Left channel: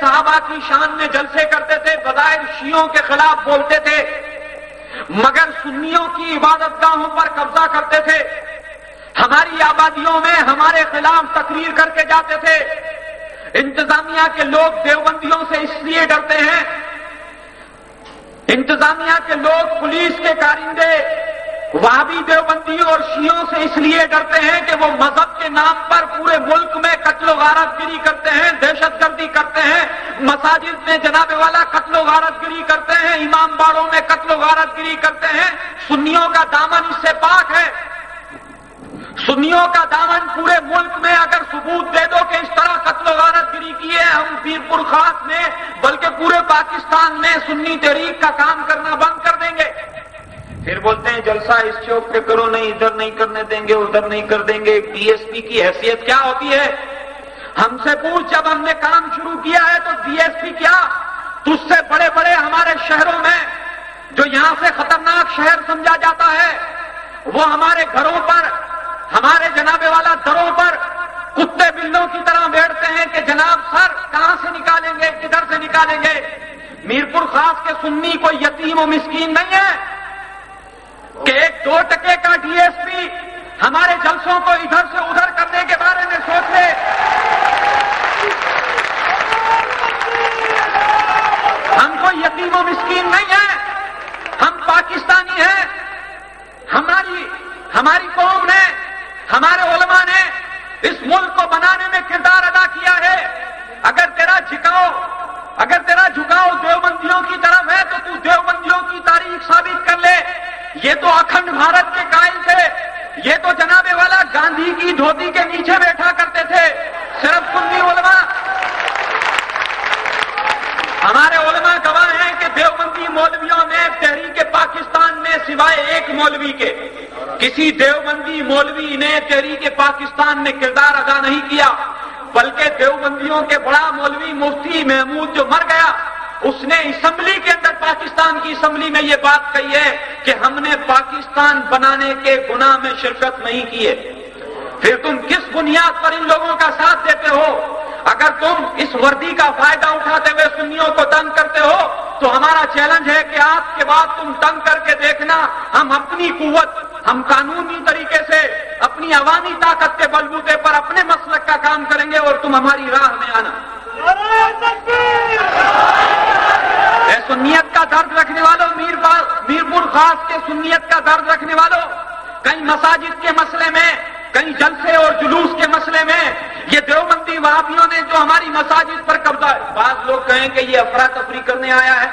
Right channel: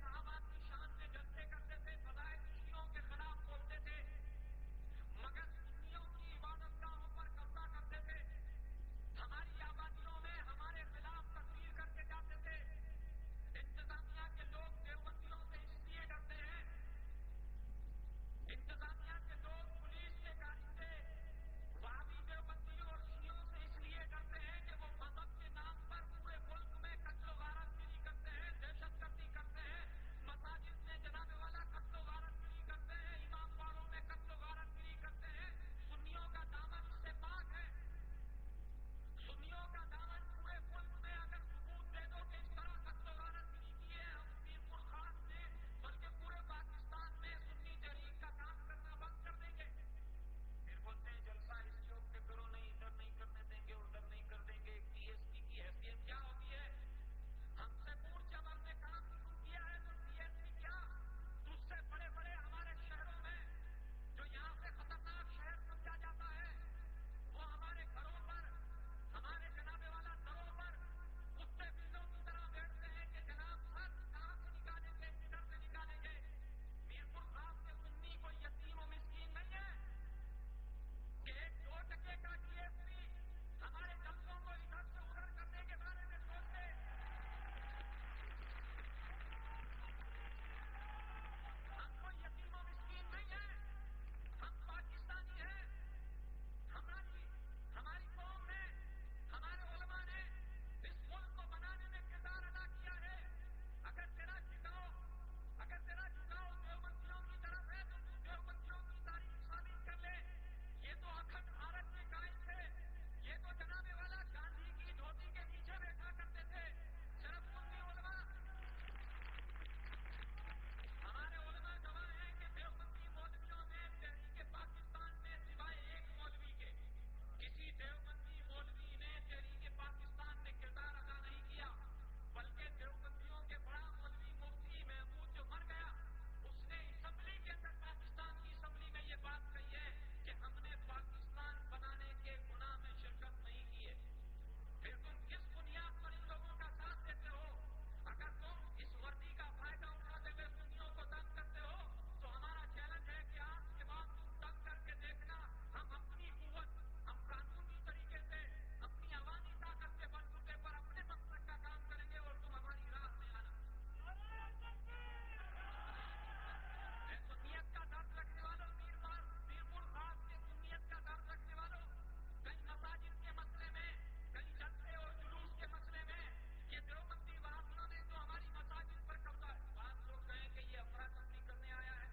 صحابہ کی شان میں جلسے کرتے تھے، بظاہر شیعوں کے خلاف بولتے تھے، مگر سنیوں کی عبادت گاہوں پر قبضہ کرتے تھے، ہماری آبادیوں میں ہمارے خلاف تقریر کر کے جاتے تھے۔ انتظامیہ کے لوگ دیوبندیوں سے اس لیے ڈرتے ہیں، انتظامیہ کے لوگ، پولیس کے کارندے وہابی دیوبندیوں اور شیعوں سے اس لیے ڈرتے ہیں کہ وہ مذہب کے نام پر پورے ملک میں قتل و غارت گری کرتے ہیں، دہشت گردی کرتے ہیں، مساجد میں جناب والا قتل و غارت گری کرتے ہیں، امام باڑوں میں قتل و غارت گری کرتے ہیں۔ سنیوں کا دامن اس سے پاک ہے، سنیوں کا دامن پورے ملک میں اگر ثبوت دے دو کہ اس طرح قتل و غارت گری کی ہے، ہم میرپور خاص میں بلکہ پورے پاکستان میں سنی تحریک کا کام کرنا بند کر دیں گے۔ پھر بولتے ہیں جلسہ اس چوک پہ کرو، نہیں ادھر نہیں کرنے دیں گے، ادھر نہیں کر دیں گے۔ ڈی ایس پی کی حیثیت کیا ہوتی ہے؟ ہم سے پوچھ، جب ہم نے کام شروع کیا ہے تو ڈی ایس پی کیا؟ تجھ سے بڑے بڑے ہمارے شہروں میں جو یہاں سے خطرناک شہر سمجھا جاتا ہے، وہ ہمارے گھروں پر، ہمارے جناب والا دروں پر کتے بلوں کی طرح بیٹھتے ہیں کہ جناب سر کہاں سے نکالیں گے، کدھر سے نکالیں گے۔ میرپور خاص کے سنی کوئی یتیم و مسکین نہیں ہے کہ 1-2 ٹکے کا ڈی ایس پی ہمارے جلسوں کو ادھر سے ادھر کرنے کے بارے میں سوچ لے۔ ہم کوئی یتیم و مسکین نہیں ہیں، ہم پاکستانی ہیں۔ ہماری قوم نے، ہمارے علماء نے اس ملک کو بنانے میں کردار ادا کیا ہے۔ اگر تیرا جھکاؤ دیوبندیوں کی طرف ہے تو تو دیوبندیوں کی تاریخ ثابت کر لے۔ یہ تو اکھنڈ بھارت کے قائل تھے، یہ تو جناب والا گاندھی کی دھوتی کے نیچے بیٹھا کرتے تھے۔ صرف سنی علماء، ہمارے علماء گواہ ہیں کہ دیوبندی مولویوں نے تحریک پاکستان میں سوائے ایک مولوی کے کسی دیوبندی مولوی نے تحریک پاکستان میں کردار ادا نہیں کیا، بلکہ دیوبندیوں کے بڑا مولوی مفتی محمود جو مر گیا، اس نے اسمبلی کے اندر، پاکستان کی اسمبلی میں یہ بات کہی ہے کہ ہم نے پاکستان بنانے کے گناہ میں شرکت نہیں کی ہے۔ پھر تم کس بنیاد پر ان لوگوں کا ساتھ دیتے ہو؟ اگر تم اس وردی کا فائدہ اٹھاتے ہوئے سنیوں کو تنگ کرتے ہو تو ہمارا چیلنج ہے کہ آج کے بعد تم تنگ کر کے دیکھنا، ہم اپنی قوت، ہم قانونی طریقے سے اپنی عوامی طاقت کے بلبوتے پر اپنے مسلک کا کام کریں گے اور تم ہماری راہ میں آنا۔ اے سنیت کا درد رکھنے والوں، میرپور خاص کے سنیت کا درد رکھنے والوں، کئی مساجد کے مسئلے میں، کئی جلسے اور جلوس کے مسئلے میں یہ دیوبندی وہابیوں نے جو ہماری مساجد پر قبضہ ہے، بعض لوگ کہیں کہ یہ افراتفری کرنے آیا ہے۔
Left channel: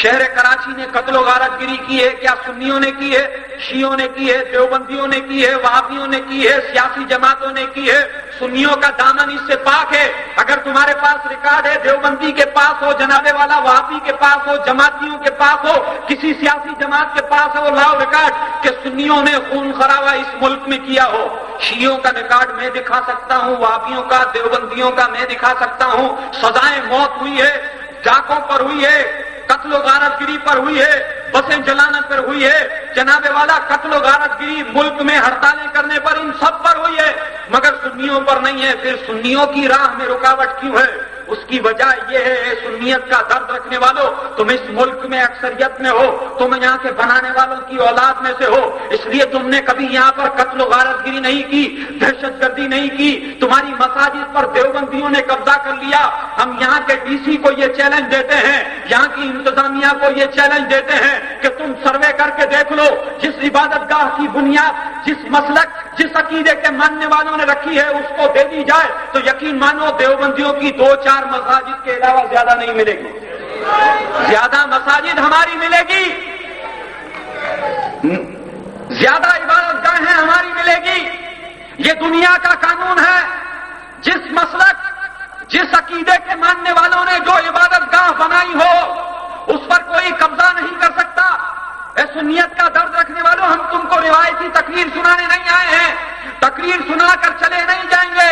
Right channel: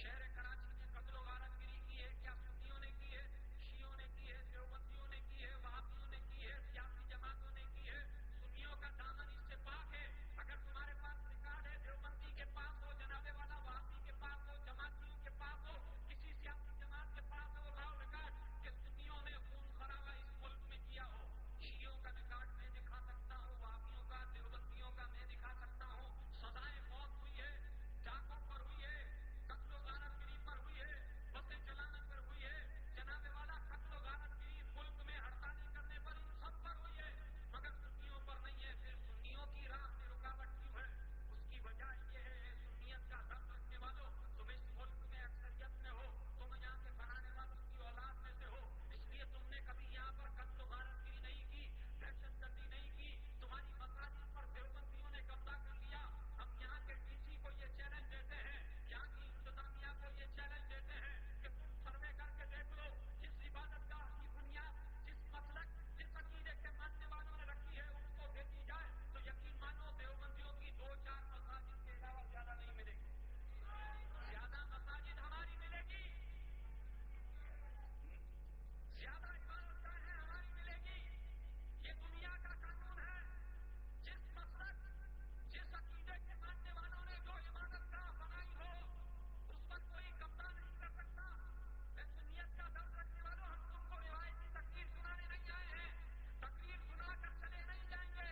شہر کراچی نے قتل و غارت گری کی ہے، کیا سنیوں نے کی ہے؟ شیعوں نے کی ہے، دیوبندیوں نے کی ہے، وہابیوں نے کی ہے، سیاسی جماعتوں نے کی ہے۔ سنیوں کا دامن اس سے پاک ہے۔ اگر تمہارے پاس ریکارڈ ہے، دیوبندی کے پاس ہو، جناب والا وہابی کے پاس ہو، جماعتیوں کے پاس ہو، کسی سیاسی جماعت کے پاس ہو، لاؤ ریکارڈ کہ سنیوں نے خون خرابہ اس ملک میں کیا ہو۔ شیعوں کا ریکارڈ میں دکھا سکتا ہوں، وہابیوں کا، دیوبندیوں کا میں دکھا سکتا ہوں۔ سزائیں موت ہوئی ہے، ڈاکوں پر ہوئی ہے، قتل و غارت گری پر ہوئی ہے، بسیں جلانا پر ہوئی ہے، جناب والا قتل و غارت گری ملک میں ہڑتالیں کرنے پر، ان سب پر ہوئی ہے، مگر سنیوں پر نہیں ہے۔ پھر سنیوں کی راہ میں رکاوٹ کیوں ہے؟ اس کی وجہ یہ ہے، سنیت کا درد رکھنے والوں، تم اس ملک میں اکثریت میں ہو، تم یہاں کے بنانے والوں کی اولاد میں سے ہو، اس لیے تم نے کبھی یہاں پر قتل و غارت گری نہیں کی، دہشت گردی نہیں کی۔ تمہاری مساجد پر دیوبندیوں نے قبضہ کر لیا۔ ہم یہاں کے ڈی سی کو یہ چیلنج دیتے ہیں، یہاں کی انتظامیہ کو یہ چیلنج دیتے ہیں کہ تم سروے کر کے دیکھ لو، جس عبادت گاہ کی بنیاد، جس مسلک، جس عقیدے کے ماننے والوں نے رکھی ہے اس کو دے دی جائے تو یقین مانو دیوبندیوں کی 2-4 مساجد کے علاوہ زیادہ نہیں ملے گی، زیادہ مساجد ہماری ملے گی، زیادہ عبادت گاہیں ہماری ملے گی۔ یہ دنیا کا قانون ہے، جس مسلک، جس عقیدے کے ماننے والوں نے جو عبادت گاہ بنائی ہو اس پر کوئی قبضہ نہیں کر سکتا۔ اے سنیت کا درد رکھنے والوں، ہم تم کو روایتی تقریر سنانے نہیں آئے ہیں، تقریر سنا کر چلے نہیں جائیں گے،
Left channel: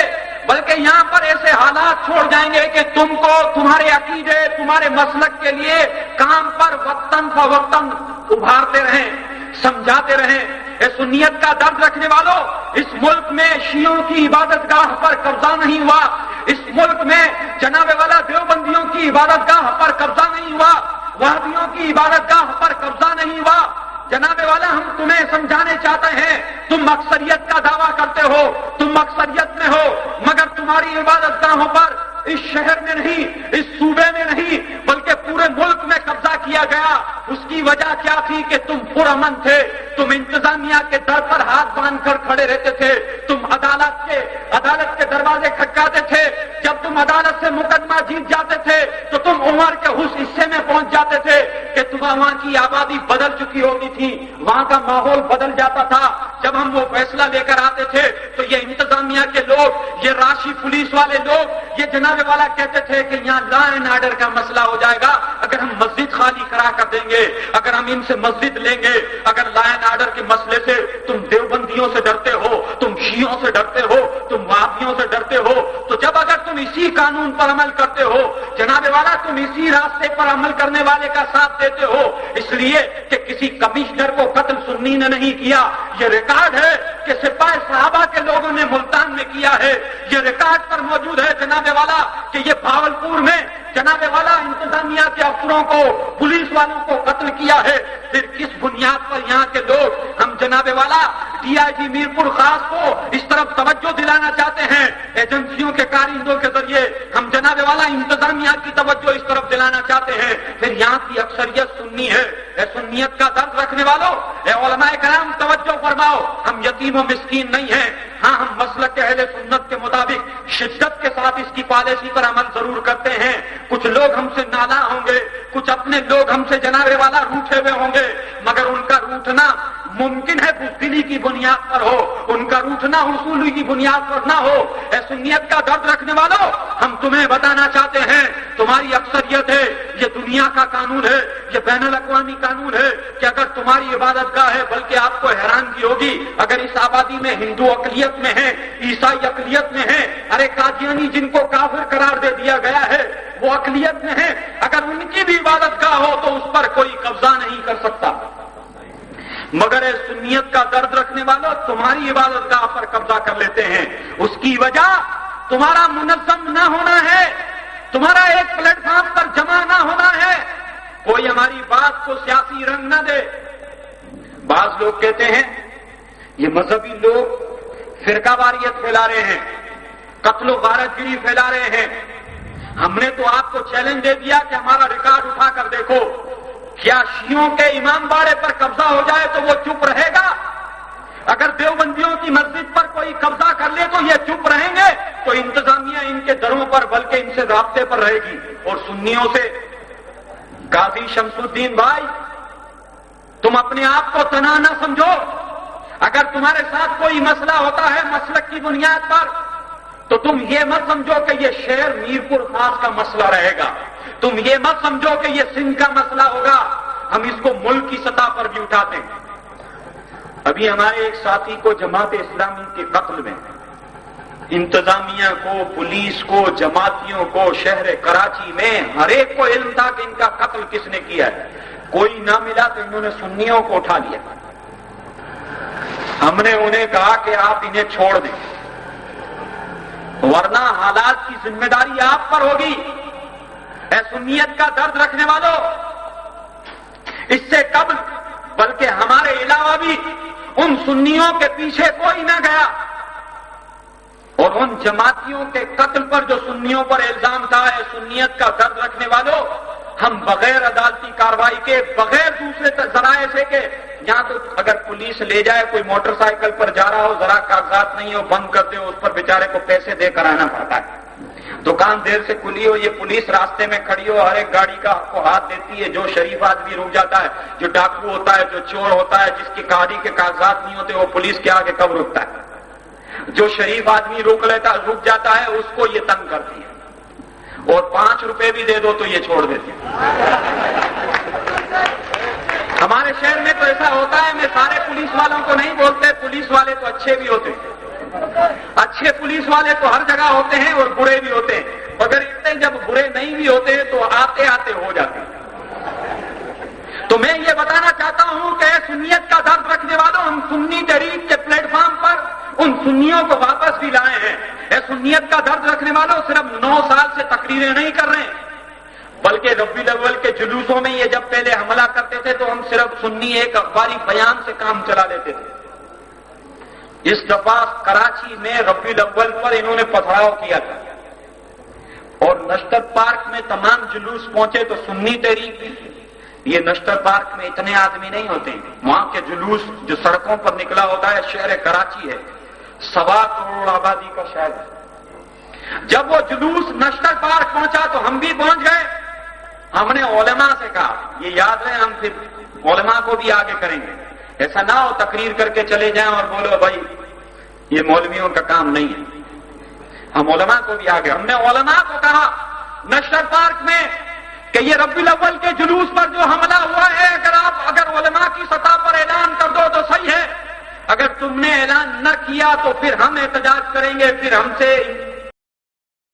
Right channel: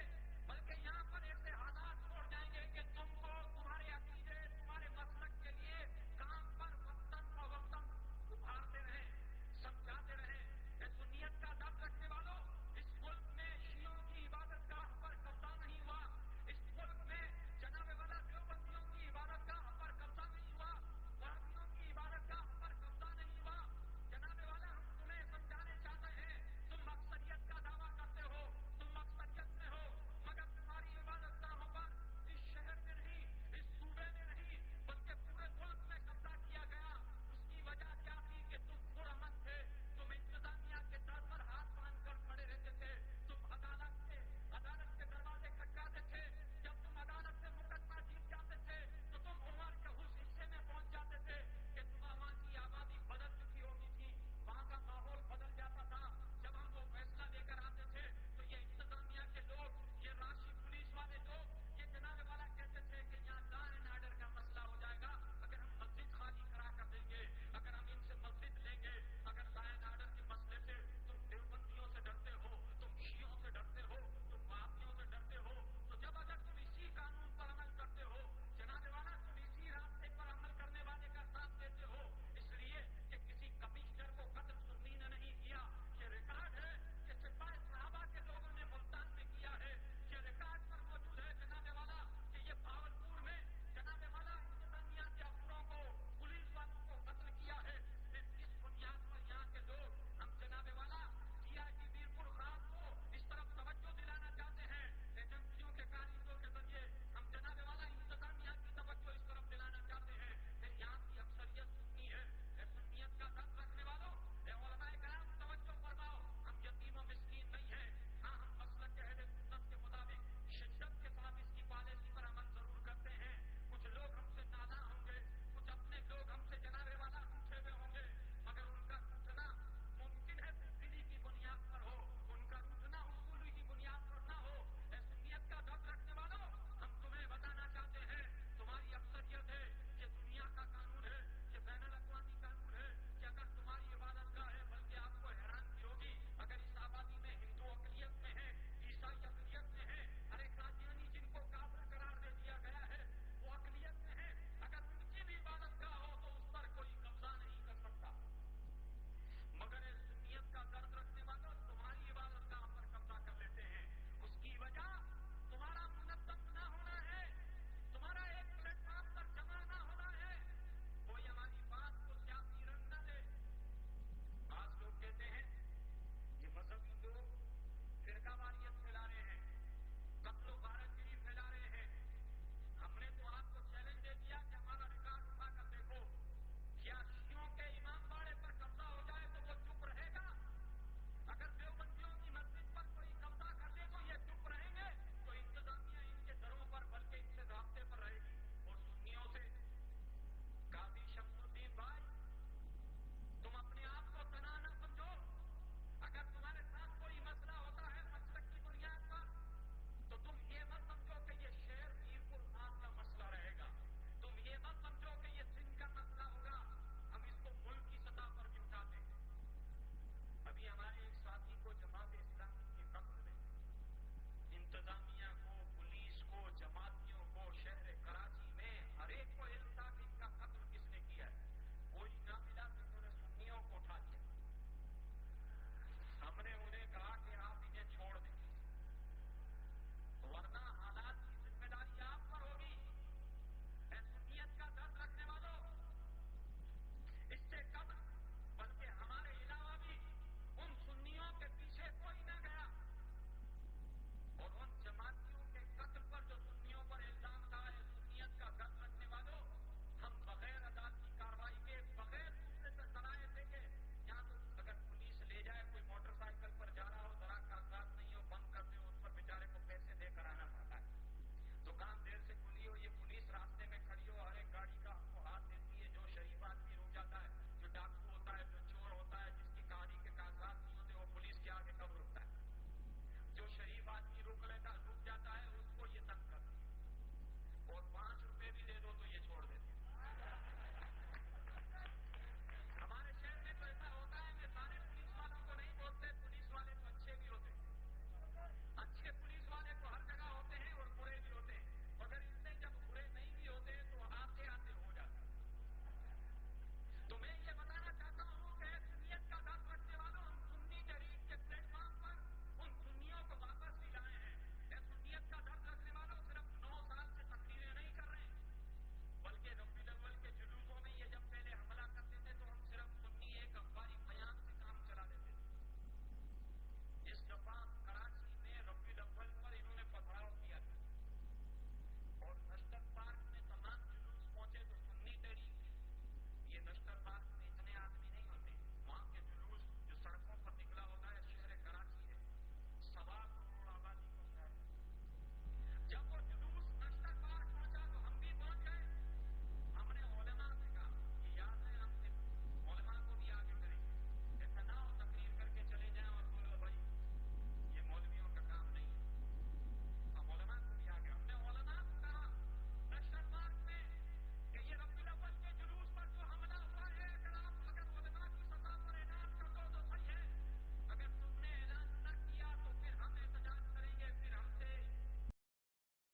بلکہ یہاں پر ایسے حالات چھوڑ جائیں گے کہ تم کو تمہارے عقیدے، تمہارے مسلک کے لیے کام پر وقتاً فوقتاً ابھارتے رہیں، سمجھاتے رہیں۔ اے سنیت کا درد رکھنے والوں، اس ملک میں شیعوں کی عبادت گاہ پر قبضہ نہیں ہوا، اس ملک میں جناب والا دیوبندی کی عبادت گاہ پر قبضہ نہیں ہوا، وہابیوں کی عبادت گاہ پر قبضہ نہیں ہوا۔ جناب والا، ہم تمہیں سمجھانے چاہتے ہیں، تم اکثریت کا دعویٰ کرتے ہو، تم اکثریت میں ہو، مگر تمہاری عبادت گاہوں پر اس شہر میں نہیں، اس صوبے میں نہیں، بلکہ پورے ملک میں قبضہ کیا گیا۔ اس کی وجہ کیا تھی کہ تم پرامن تھے، تم انتظامیہ کے در پر ہاتھ باندھ کر کھڑے رہتے تھے، تم عدالت کے دروازے کھٹکاتے تھے۔ جب تم عدالت سے مقدمہ جیت جاتے تھے تو تم عمر کے اس حصے میں پہنچ جاتے تھے کہ وہاں کی آبادی بدل چکی ہوتی تھی، وہاں کا ماحول بدل جاتا تھا۔ جب ہم وہ فیصلہ لے کر آتے تھے تو یہ انتظامیہ کے لوگ، یہ راشی پولیس والے لوگ، یہ جناب والا کہتے تھے کہ یہاں لا اینڈ آرڈر کا مسئلہ ہو جائے گا اگر ہم مسجد خالی کرا کر دیں گے، اگر ہم ان سے مسجد لیں گے، اگر لا اینڈ آرڈر کے مسئلے سے تم دیوبندیوں سے ڈرتے ہو، تم شیعوں سے ڈرتے ہو، تم وہابیوں سے ڈرتے ہو، تو جب اگر تم اسی قانون پر عمل کرتے ہو جناب والا، تم اسی راستے پر عمل کرنے والے کا ساتھ دیتے ہو، اس لیے کہ کسی کمشنر کو قتل سنی نے نہیں کیا، یہ ریکارڈ ہے کہ سپاہی صحابہ کے لوگوں نے ملتان میں کیا ہے، یہ ریکارڈ پر موجود ہے جناب والا کہ یہ بھاولپور میں جناب والا انتظامیہ کے افسروں کو، پولیس والوں کو قتل کیا ہے۔ پھر کس بنیاد پر یہاں کے لوگ ہم جناب والا ڈی آئی جی میرپور خاص کو اس طرف توجہ دلانا چاہتے ہیں، ایجنسیوں کے کارندوں کے ذریعے ہم جناب والا انتظامیہ کی توجہ اس طرف دلانا چاہتے ہیں، پھر یہاں کی اکثریت سنی ہے۔ اے سنیت کا درد رکھنے والوں، اے علماء کرام توجہ فرماؤ، ہم یتیم و مسکین نہیں ہیں، ہاں ہم مسلک اہل سنت کے مطابق شدت کے ساتھ اس کی پالیسی پر عمل ضرور کرتے ہیں۔ کچھ لوگ ہم سے نالاں ہوں گے، کچھ اپنے لوگ ہم سے جناب والا روٹھے ہوئے ہوں گے، مگر ان کا روٹھنا ممکن ہے بزدلی کی بنیاد پر ہو، ان کا روٹھنا حصولی کی بنیاد پر نہ ہو۔ اے سنیت کا درد رکھنے والوں، ہم تمہیں بتانا چاہتے ہیں، تمہاری اکثریت ہے، یہ دنیا کا قانون ہے، یہ بین الاقوامی قانون ہے کہ اگر تمہاری عبادت گاہ ہے، بلکہ آپ کو حیرانگی ہوگی اگر اس آبادی میں ہندو اقلیت میں ہیں، عیسائی اقلیت میں ہیں، ارے قادیانی جن کو کافر قرار دے دیا گیا ہے وہ اقلیت میں ہیں، اگر ان کی بھی عبادت گاہ ہو تو اس پر کوئی قبضہ نہیں کر سکتا، مگر اے سنیت کا درد رکھنے والوں، تمہاری عبادت گاہ پر قبضہ کر لیتے ہیں۔ اس کی وجہ تمہارا منظم نہ ہونا ہے، تمہارا ایک پلیٹ فارم پر جمع نہ ہونا ہے، کوئی ہماری بات کو سیاسی رنگ نہ دے۔ بعض لوگ کہتے ہیں یہ مذہبی لوگ فرقہ واریت پھیلا رہے ہیں، قتل و غارت گری پھیلا رہے ہیں۔ ہم نے تو آپ کو چیلنج دے دیا کہ ہمارا ریکارڈ اٹھا کر دیکھو، کیا شیعوں کے امام باڑے پر قبضہ ہو جائے تو وہ چپ رہے گا؟ اگر دیوبندیوں کی مسجد پر کوئی قبضہ کر لے تو یہ چپ رہیں گے؟ تو انتظامیہ ان کے دروں پر بلکہ ان سے رابطے پر رہے گی۔ اور سنیوں سے قاضی شمس الدین بھائی، تم اپنے آپ کو تنہا نہ سمجھو، اگر تمہارے ساتھ کوئی مسئلہ ہوتا ہے مسلک کی بنیاد پر تو تم یہ مت سمجھو کہ یہ شہر میرپور خاص کا مسئلہ رہے گا، تم یہ مت سمجھو کہ یہ سندھ کا مسئلہ ہوگا، ہم اس کو ملک کی سطح پر بھی اٹھاتے ہیں۔ ابھی ہمارے ایک ساتھی کو جماعت اسلامی کے قتل میں انتظامیہ کو، پولیس کو، جماعتیوں کو، شہر کراچی میں ہر ایک کو علم تھا کہ ان کا قتل کس نے کیا ہے، کوئی نہ ملا تو انہوں نے سنیوں کو اٹھا لیا۔ ہم نے انہیں کہا کہ آپ انہیں چھوڑ دیں ورنہ حالات کی ذمہ داری آپ پر ہوگی۔ اے سنیت کا درد رکھنے والوں، اس سے قبل بلکہ ہمارے علاوہ بھی ان سنیوں کے پیچھے کوئی نہ گیا، اور ان جماعتیوں کے قتل پر جو سنیوں پر الزام تھا، اے سنیت کا درد رکھنے والوں، ہم بغیر عدالتی کارروائی کے، بغیر دوسرے ذرائع سے کہ یہاں تو اگر پولیس لے جائے، کوئی موٹر سائیکل پر جا رہا ہو، ذرا کاغذات نہیں ہو، بند کر دے، اس پر بیچارے کو پیسے دے کر آنا پڑتا ہے، دکان دیر سے کھلی ہو، یہ پولیس راستے میں کھڑی ہو، ہر ایک گاڑی کا کو ہاتھ دیتی ہے، جو شریف آدمی رک جاتا ہے، جو ڈاکو ہوتا ہے، جو چور ہوتا ہے، جس کی گاڑی کے کاغذات نہیں ہوتے، وہ پولیس کے آگے کب رکتا ہے؟ جو شریف آدمی رک جاتا ہے اس کو یہ تنگ کرتی ہے، اور 5 روپے بھی دے دو تو یہ چھوڑ دیتے ہیں۔ ہمارے شہر میں تو ایسا ہوتا ہے، میں سارے پولیس والوں کو نہیں بولتے، پولیس والے تو اچھے بھی ہوتے ہیں، اچھے پولیس والے تو ہر جگہ ہوتے ہیں اور برے بھی ہوتے ہیں، مگر اتنے جب برے نہیں بھی ہوتے ہیں تو آتے آتے ہو جاتے ہیں۔ تو میں یہ بتانا چاہتا ہوں کہ سنیت کا درد رکھنے والوں، ہم سنی تحریک کے پلیٹ فارم پر ان سنیوں کو واپس بھی لائے ہیں۔ اے سنیت کا درد رکھنے والوں، صرف 9 سال سے تقریریں نہیں کر رہے ہیں، بلکہ ربیع الاول کے جلوسوں میں یہ جب پہلے حملہ کرتے تھے تو ہم صرف سنی ایک اخباری بیان سے کام چلا لیتے تھے. اس دفعہ کراچی میں ربیع الاول پر انہوں نے پتھراؤ کیا تھا اور نشتر پارک میں تمام جلوس پہنچے تو سنی تحریک بھی. یہ نشتر پارک میں اتنے آدمی نہیں ہوتے ہیں. وہاں کے جلوس جو سڑکوں پر نکلا ہوتا ہے، شہر کراچی ہے 1.25 کروڑ آبادی کا شہر ہے. جب وہ جلوس نشتر پارک پہنچا تو ہم بھی پہنچ گئے. ہم نے علماء سے کہا یہ یاد رہے ہم پھر علماء کو بھی آگے کریں گے. ایسا نہ ہو تقریر کر کے چلے جائیں اور بولو بھائی یہ مولویوں کا کام نہیں ہے. ہم علماء کو بھی آگے. ہم نے علماء کو کہا نشتر پارک میں کہ یہ ربیع الاول کے جلوس پر جو حملہ ہوا ہے اگر علماء کی سطح پر اعلان کر دو تو صحیح ہے، اگر تم نے اعلان نہ کیا تو پھر ہم احتجاج کریں گے، پھر ہم سے